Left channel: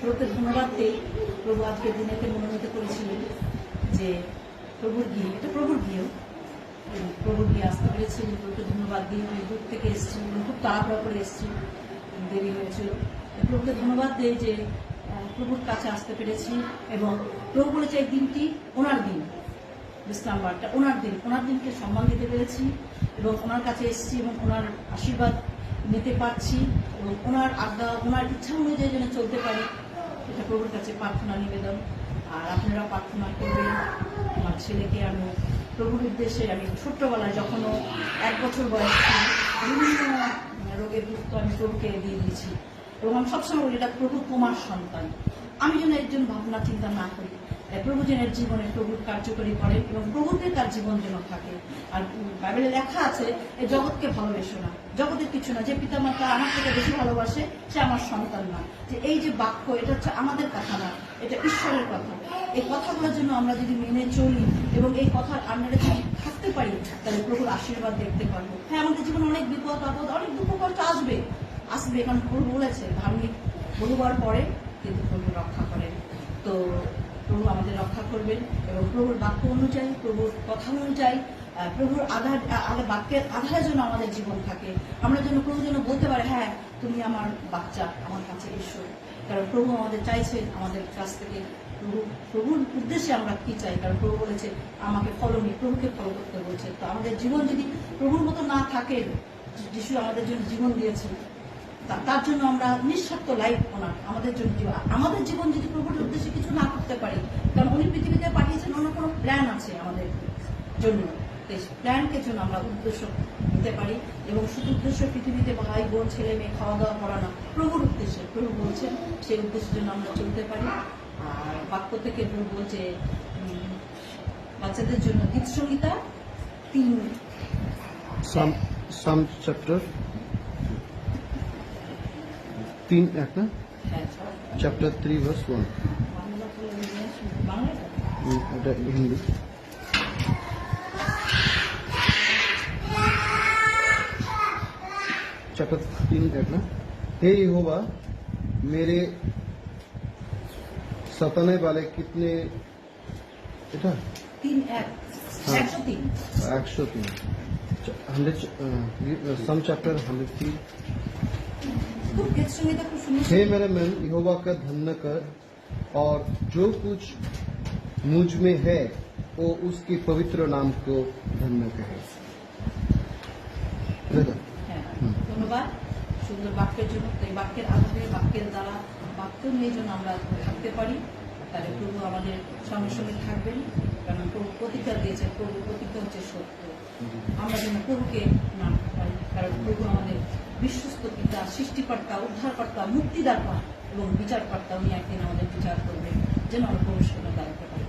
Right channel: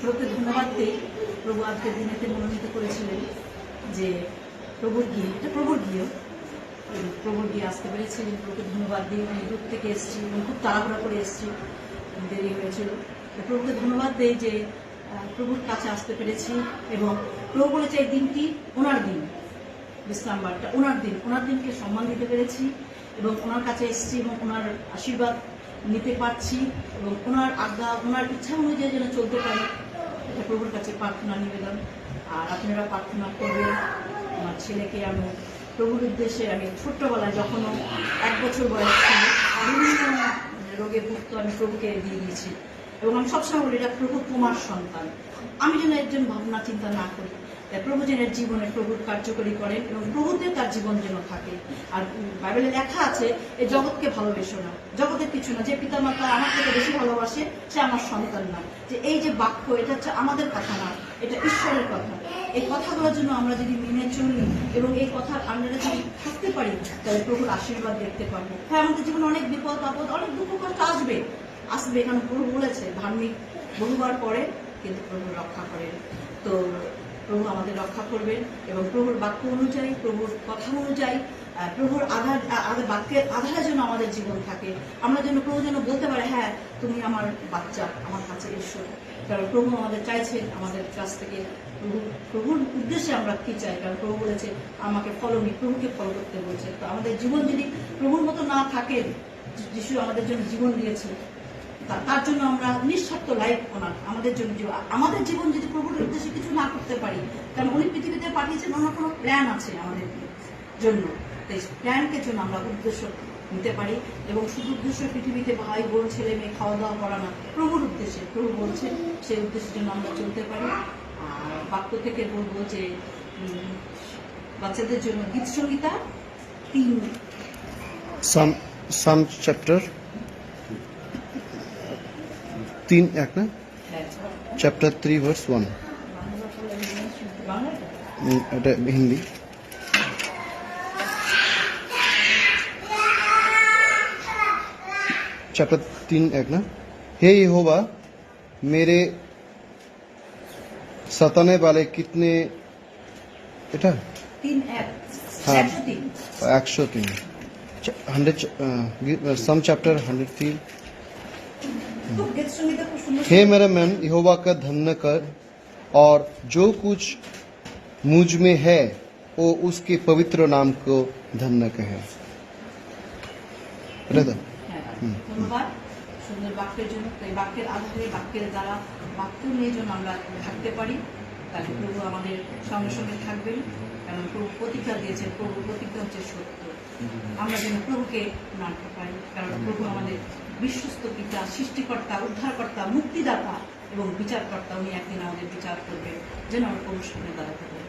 প্রভুকে ধন্যবাদ দিই। প্রভু আজকের দিনেতে মনোনীত করেছিলেন যে প্রভুর গিয়ে, এটা প্রভুর গিয়ে, প্রভুর গিয়ে আসতে পেরেছি। প্রভুকে ধন্যবাদ দিই। আমি দূর থেকে এসেছি এবং খুব তাড়াহুড়া করে এসেছি, দেরি হয়েছিল। প্রভুকে ধন্যবাদ দিই যে প্রভুর কাছে আসতে পেরেছি এবং প্রভু বলেছে এই দিনটি ওনার দিন, বিশ্রামবারটা ওনার দিন, ওনার দিনকে সম্মান দিতে পেরেছি এবং ওনার কাছে এসেছি এবং ওনার আশীর্বাদ নিতে পারছি এবং ওনার আজ্ঞা, ওনার ইচ্ছা অনুযায়ী যেন চলতে পারে, এটা প্রভুর কাছে প্রার্থনা নিবেদন। আর আপনারা প্রার্থনা করবেন আমার ছেলেকে। আমি প্রভুর উদ্দেশ্যে, আমি ছোট্টবেলায় যখন 1 বছর বয়স ছিল, বিভিন্ন রোগে ভুক্ত, আমি প্রভুকে দিয়ে দিয়েছি এবং আমি সবসময় বলি এটা প্রভু তোমার সন্তান। আমি যেন একজন ভাবনা চিন্তা না করি, প্রভু যেন জীবনে প্রভুর কার্যকরী করেন এবং প্রভুতে তার জীবন যেন থাকে। আর বাইবেলে লেখা আছে এই জগৎকে ভালোবেসো না, জগতের কিছু না, যে পিতামাতা আমার থেকে বেশি ভালোবাসে সে আমার সন্তান না। যে এই যে বাক্য, এটা হচ্ছে আমাদের কথা না, এটা ঈশ্বরের কথা। এই কথাগুলোর জন্য আমরা যদি মেনে চলি এবং এই কথার আন্ডারে যদি থাকতে পারি, তাহলে প্রভুর আশীর্বাদ দেখতে পারবো। হ্যাঁ, আমাদের জীবনে অনেক বিপদ আপদ, অনেক দুঃখ কষ্ট আসবে, কারণ প্রভু বলেছে ধার্মিক বহুবার পরে কিন্তু প্রভু রক্ষা করেন। তো প্রভু আমাদের রক্ষা করবেন এবং প্রভুর বাক্য অনুযায়ী, প্রভুর কথা অনুযায়ী, প্রভুর বাক্যের আধারে যেন আমাদের জীবন থাকে। আমরা যেন প্রভু যেন বলতে পারে হ্যাঁ তুমি আমার বাচ্চা, আমার কাছে এসো। কারণ প্রভু আমাদের চাইছেন আমাদের কাছ থেকে প্রভুর উদ্দেশ্যে আমরা কি চাই। কারণ প্রভু বলেছে আমাকে ফলো নি, প্রভুকে ফলো করতে বলছে। তো আমাদের জীবন যদি প্রভুর মতো না থাকে, যিশু আমাদের জন্য জীবন দিয়েছে, তার জন্য আমরা নিঃস্বার্থ লাইফ ওনার আমাদের জন্য, আমাদের জীবন যদি প্রভুর উদ্দেশ্যে কিছু না করতে পারি, কারণ উনি পৃথিবীতে পাঠিয়েছেন, ওনার কোনো প্ল্যান আছে আমাদের জন্য। তাই প্ল্যানকে জন্য আমরা উদ্দেশ্য নিতে পারি এবং শুধু উদ্দেশ্য পৃথিবীতে ভাই বোন ছেলে মেয়ে খাওয়া দাওয়া করা না, প্রভুর উদ্দেশ্যে, প্রভু বলছেন সেই উদ্দেশ্যের জন্য আমরা চলতে পারি। আর বাক্য থেকে বলবো যে বাচ্চাদের জন্য গীত সংহিতা 3 সাম চ্যাপ্টার 3 এক না, চ্যাপ্টার 3 ভার্স 1, এটা হিন্দি। चैप्टर 3 एक ना, हे यहोवा मेरे सताने वाले कितने, बेटा 3 हाँ 103 103 100 सम चैप्टर 103। খুব গীত সংহিতা খুব সুন্দর। हे मेरे मन यहोवा का धन्य कर और जो कुछ मुझ में है वो उसके पवित्र नाम को धन्य कहे। ধন্যবাদ সুন্দর বাক্যের জন্য। এই বাক্যের আধারে, বাক্যের দ্বারা, বাক্য নিয়ে যেন আমরা থাকতে পারি, তাহলে প্রভু আমাদের সঙ্গে সঙ্গে থাকবেন। কারণ প্রভু প্রতিজ্ঞা দিয়েছে, প্রভু প্রতিজ্ঞা হচ্ছে সত্য। আমরা যেন প্রভুকে মানতে পারি, কারণ প্রভু আমাদের বিশ্বস্ত পিতা, সৃষ্টিকর্তা, উদ্ধারকর্তা, মুক্তিদাতা এবং বিচারকর্তা। উনি একদিন আমাদের বিচার করবেন, যেন আমরা প্রভুর সামনে দাঁড়াতে পারি।